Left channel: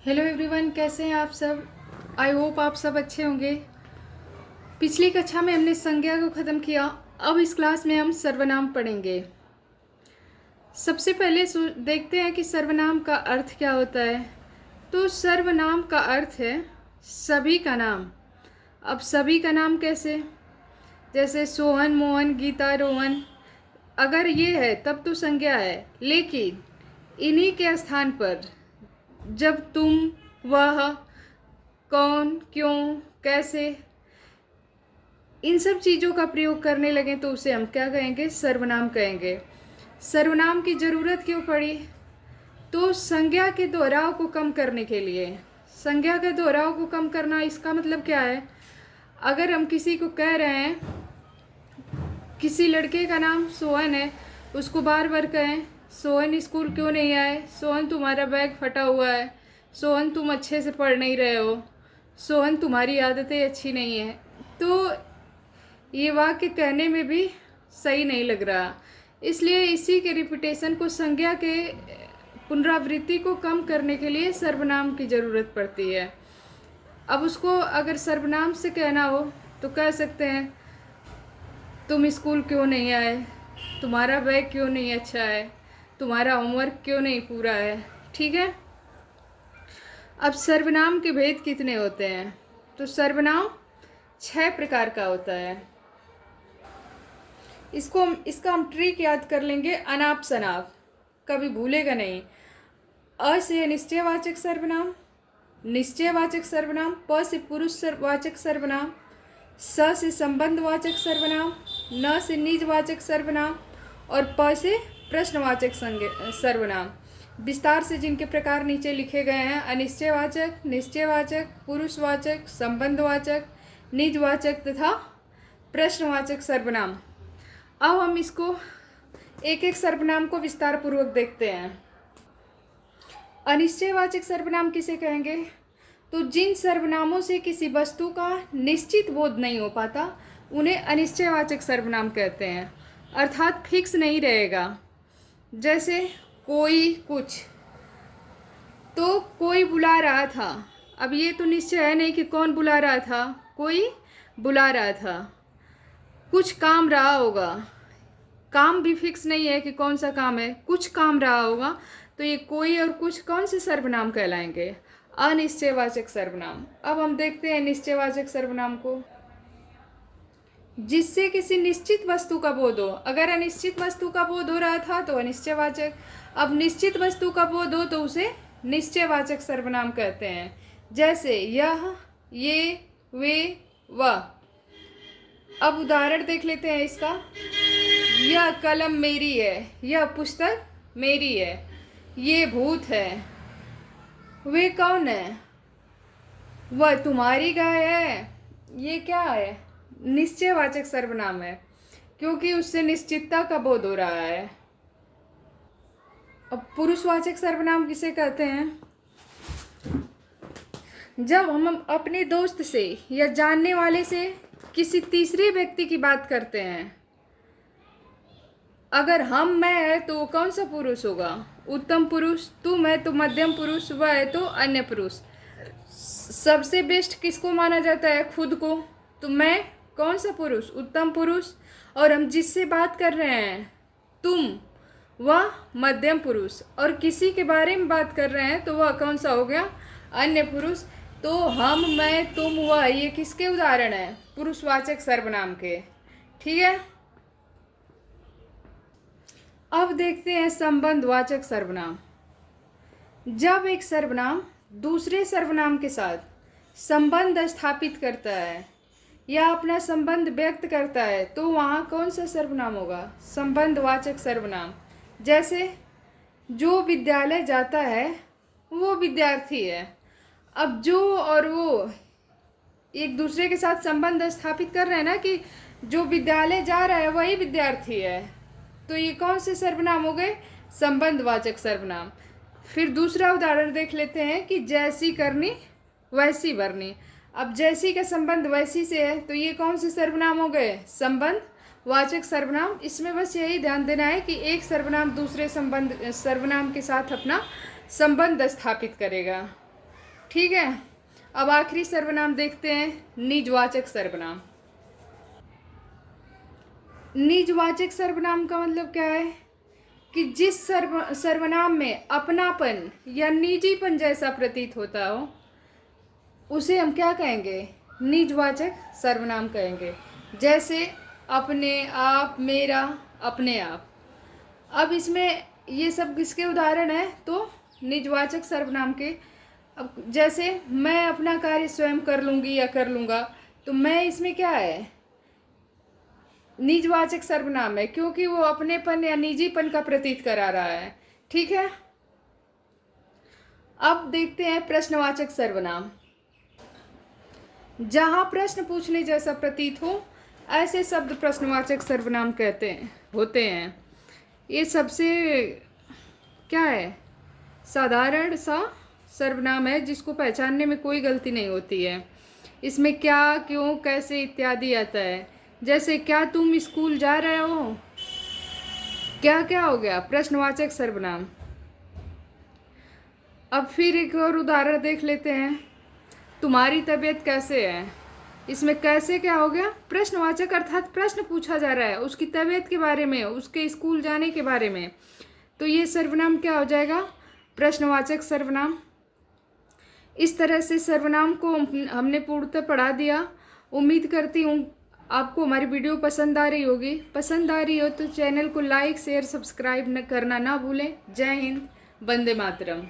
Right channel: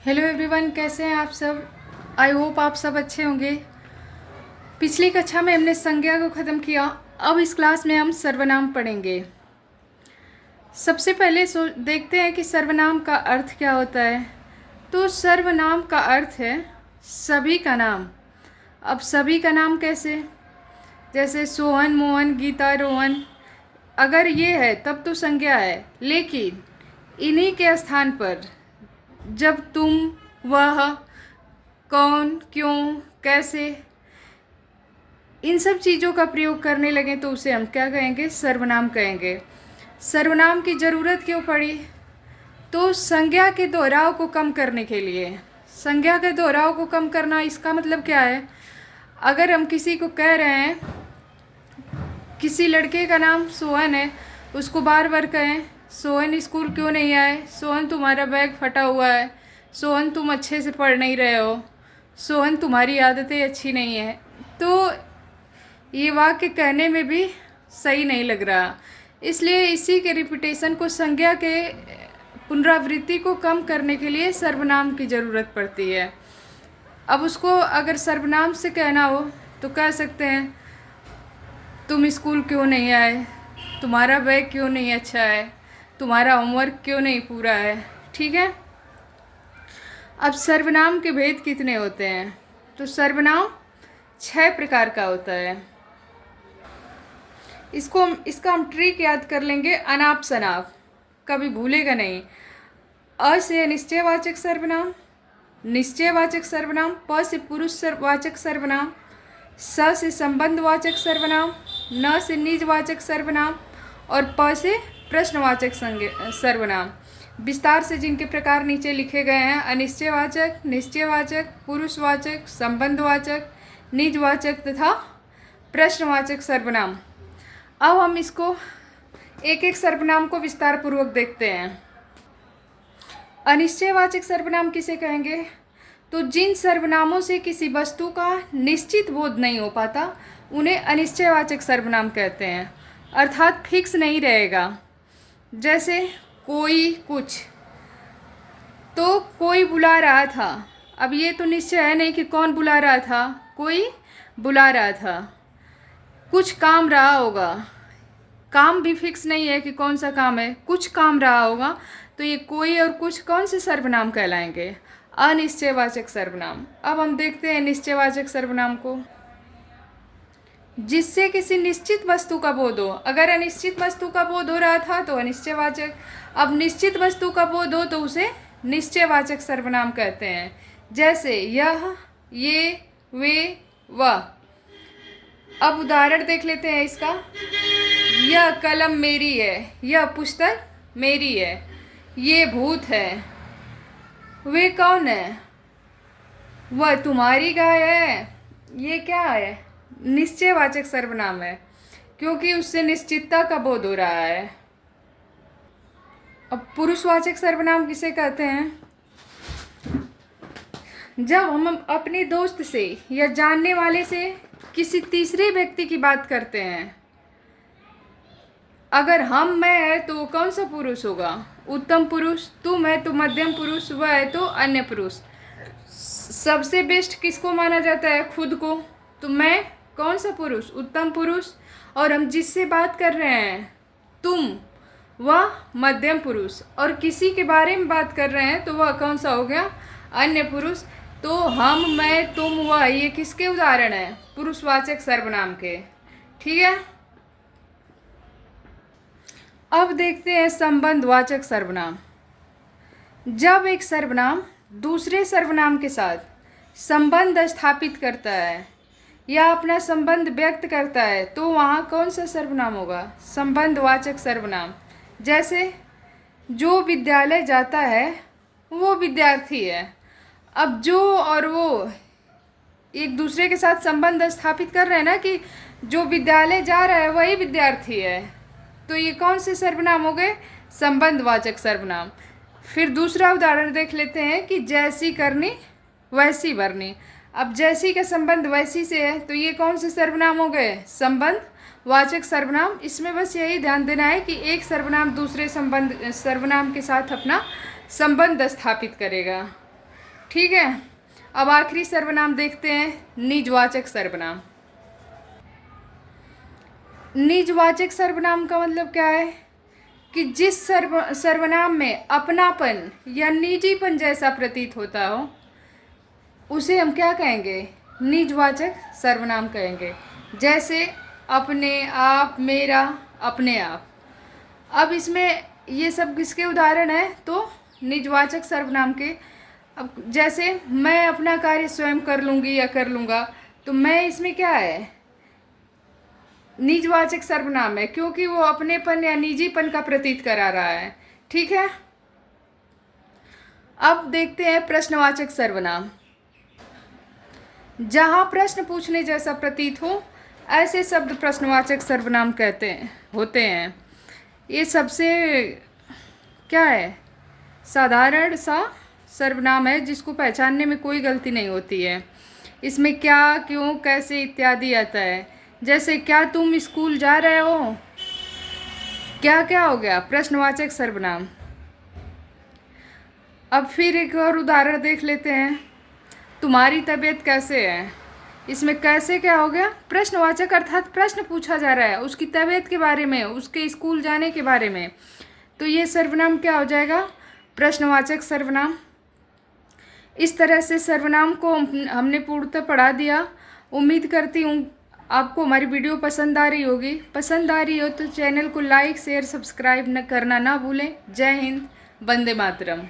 Hello everyone, कैसे हैं आप सब। आई होप आप सब अच्छे होंगे। पिछली कक्षा में हमने संज्ञा को ख़त्म किया। अब इस क्लास में हम सर्वनाम पढ़ेंगे। सबसे पहले देखते हैं कि सर्वनाम का अर्थ क्या होता है। तो सर्वनाम का अर्थ है सभी का नाम। अब सभी का नाम कैसे, जैसे सोहन, मोहन, गीता, रोहन, अगर ये है तब तो संज्ञा है। लेकिन इन्हीं के स्थान पर जब तुम, वह, कौन, क्यों, कैसे, इन सब चीज़ों का प्रयोग करने लगें तो उसे हम क्या कहेंगे, सर्वनाम कहेंगे। सर्वनाम की ज़रूरत क्यों पड़ी, तो संज्ञा के दोहराव को कम करने के लिए। संज्ञा के दोहराव को कम करना, इसका मतलब क्या है, अगर हम किसी को कह रहे हैं, किसी लड़के का नाम सोहन है, उसको बार बार कहें सोहन स्कूल क्यों नहीं आए, सोहन तुम्हारा बैग फटा हुआ है, सोहन तुम अच्छे से पढ़ नहीं रहे हो, सोहन तुम्हारी आदतें अच्छी नहीं है, तो ये वाक्य कहने में भी सही नहीं लग रहा। इसलिए इसी के रिपीटेशन को, संज्ञा के पुनरावृत्ति को कम करने के लिए सर्वनाम की ज़रूरत पड़ती है। अब उसको अगर सर्वनाम से कहना हो तो कह सकते हैं तुम स्कूल क्यों नहीं आए, तुम्हारा बैग क्यों नहीं अच्छा है, तुम्हारा होमवर्क क्यों नहीं पूरा है। ठीक है। अब सर्वनाम के भेद कितने होते हैं, तो सर्वनाम 6 प्रकार का होता है। इसका हम ट्रिक याद कर लेंगे, अनाप शनाप, कभी भूलेगा नहीं। अ से निश्चयवाचक सर्वनाम, निश्चयवाचक सर्वनाम। प से पुरुषवाचक सर्वनाम। स से संबंधवाचक सर्वनाम। न से निजवाचक सर्वनाम। और प से प्रश्नवाचक सर्वनाम। विस्तार से जिनके प्रकार नीचे लिखे गए हैं, अनिश्चयवाचक, निश्चयवाचक, पुरुषवाचक, संबंधवाचक, निजवाचक तथा प्रश्नवाचक सर्वनाम। अब हम इसको एक एक सर्वनाम को विस्तार पूर्वक देखते हैं। अनिश्चयवाचक सर्वनाम किसे कहेंगे, तो जिन सर्वनामों से किसी वस्तु का निश्चित बोध नहीं हो पाता उन्हें अनिश्चयवाचक सर्वनाम कहते हैं, अर्थात फिक्स नहीं रहेगा। जैसे कोई, कुछ, तो कोई बुला रहा था, अब ये तो निश्चय है नहीं कि कौन बुला रहा था, कोई बुला रहा था। कुछ काम रहा होगा, काम भी फिक्स नहीं है कि कौन सा काम है, कुछ काम रहा होगा, तो ये कोई और कुछ कौन से सर्वनाम कहलाएंगे, अनिश्चयवाचक सर्वनाम। अब हम देखते हैं निश्चयवाचक सर्वनाम को, जिससे किसी निश्चित वस्तु का बोध हो। अगर अनिश्चित वस्तु का बोध हो रहा था तो अनिश्चयवाचक, अब निश्चित वस्तु का बोध हो तो उसे निश्चयवाचक सर्वनाम कहते हैं। जैसे यह, ये, वे, वह। अब उदाहरण देख लेते हैं इसका। यह कलम मेरी है, यह पुस्तक मेरी है, ये भूत है, वे कौन है, वह तुम्हारी गाय है। ये क्या है, निश्चयवाचक सर्वनाम है, क्योंकि उससे निश्चितता का बोध हो रहा है। अब पुरुषवाचक सर्वनाम किसे कहते हैं, जब हम अपने दोस्त से या जानने वाले से किसी तीसरे व्यक्ति की बात करते हैं। अगर हम, मैं है तो वो कौन सा पुरुष होगा, उत्तम पुरुष। तुम है तो मध्यम पुरुष, वह है तो अन्य पुरुष। सबसे बेस्ट किसको माना जाता है, खुद को। तो मैं कौन सा पुरुष, उत्तम पुरुष। और हम जिससे बात कर रहे हैं, तुम, वह मध्यम पुरुष। और किसी के बारे में बात कर रहे हैं तो वह कौन सा हो गया, अन्य पुरुष। तो हम, मैं, तुम, वह, ये किसके उदाहरण हैं, पुरुषवाचक सर्वनाम के। ठीक है। अब देखते हैं संबंधवाचक सर्वनाम। जब एक सर्वनाम दूसरे सर्वनाम के साथ संबंध स्थापित करता है या अपना संबंध व्यक्त करता है तो वहाँ कौन सा सर्वनाम होगा, संबंधवाचक सर्वनाम। जैसे जो विद्यालय जाता है वो विद्यार्थी है। अब जो और वो एक दूसरे के साथ संबंध स्थापित कर रहे हैं ना, कि जो विद्यालय जा रहा है वही विद्यार्थी है, तो ये कौन से सर्वनाम हो गए, संबंधवाचक सर्वनाम। फिर दूसरा उदाहरण देख लेते हैं कि जैसी करनी वैसी भरनी। अब जैसी का संबंध वैसी से है तो ये कौन से सर्वनाम हो गए, संबंधवाचक सर्वनाम। इसमें बस यही ध्यान देना है कि एक सर्वनाम दूसरे सर्वनाम के साथ अपना संबंध स्थापित करेगा। ठीक है। अब आखिरी सर्वनाम देखते हैं, निजवाचक सर्वनाम। निजवाचक सर्वनाम का मतलब क्या है कि जिस सर्वनाम में अपनापन या निजीपन जैसा प्रतीत होता हो उसे हम क्या कहेंगे, निजवाचक सर्वनाम कहेंगे। जैसे अपने, आप, मेरा, अपने आप। अब इसमें ये सब किसके उदाहरण हैं, तो निजवाचक सर्वनाम के। अब जैसे मैं अपना कार्य स्वयं कर लूँगी या कर लूँगा, तो मैं इसमें क्या है, निजवाचक सर्वनाम है, क्योंकि वो अपनेपन या निजीपन का प्रतीत करा रहा है। ठीक है। अब देखते हैं प्रश्नवाचक सर्वनाम। जहाँ प्रश्न पूछने जैसा प्रतीत हो ऐसे शब्द प्रश्नवाचक सर्वनाम होते हैं। ये सबसे क्या है, साधारण सा सर्वनाम है जिसको पहचानने में कोई गलती नहीं होती है। इसमें क्या, क्यों, कैसे इत्यादि आता है। जैसे क्या तुम स्कूल जा रहे हो, क्या क्या हो गया, प्रश्नवाचक सर्वनाम। अब फिर एक और उदाहरण देख लेते हैं, तुम्हारी तबीयत कैसे है। इसमें कैसे क्या हो गया, प्रश्नवाचक, अर्थात प्रश्न पूछा जा रहा है उसकी तबीयत के बारे में, उसके स्कूल जाने के बारे में। तो ये सर्वनाम क्या हो जाएगा, प्रश्नवाचक सर्वनाम। इस तरह से सर्वनाम को हमने पूर्णतः पढ़ा दिया। उम्मीद करती हूँ आपको हमारी वीडियो पसंद आ रही होगी। पसंद आ रही हो तो चैनल को लाइक, शेयर, सब्सक्राइब करना ना भूलें। जय हिंद, वंदे मातरम।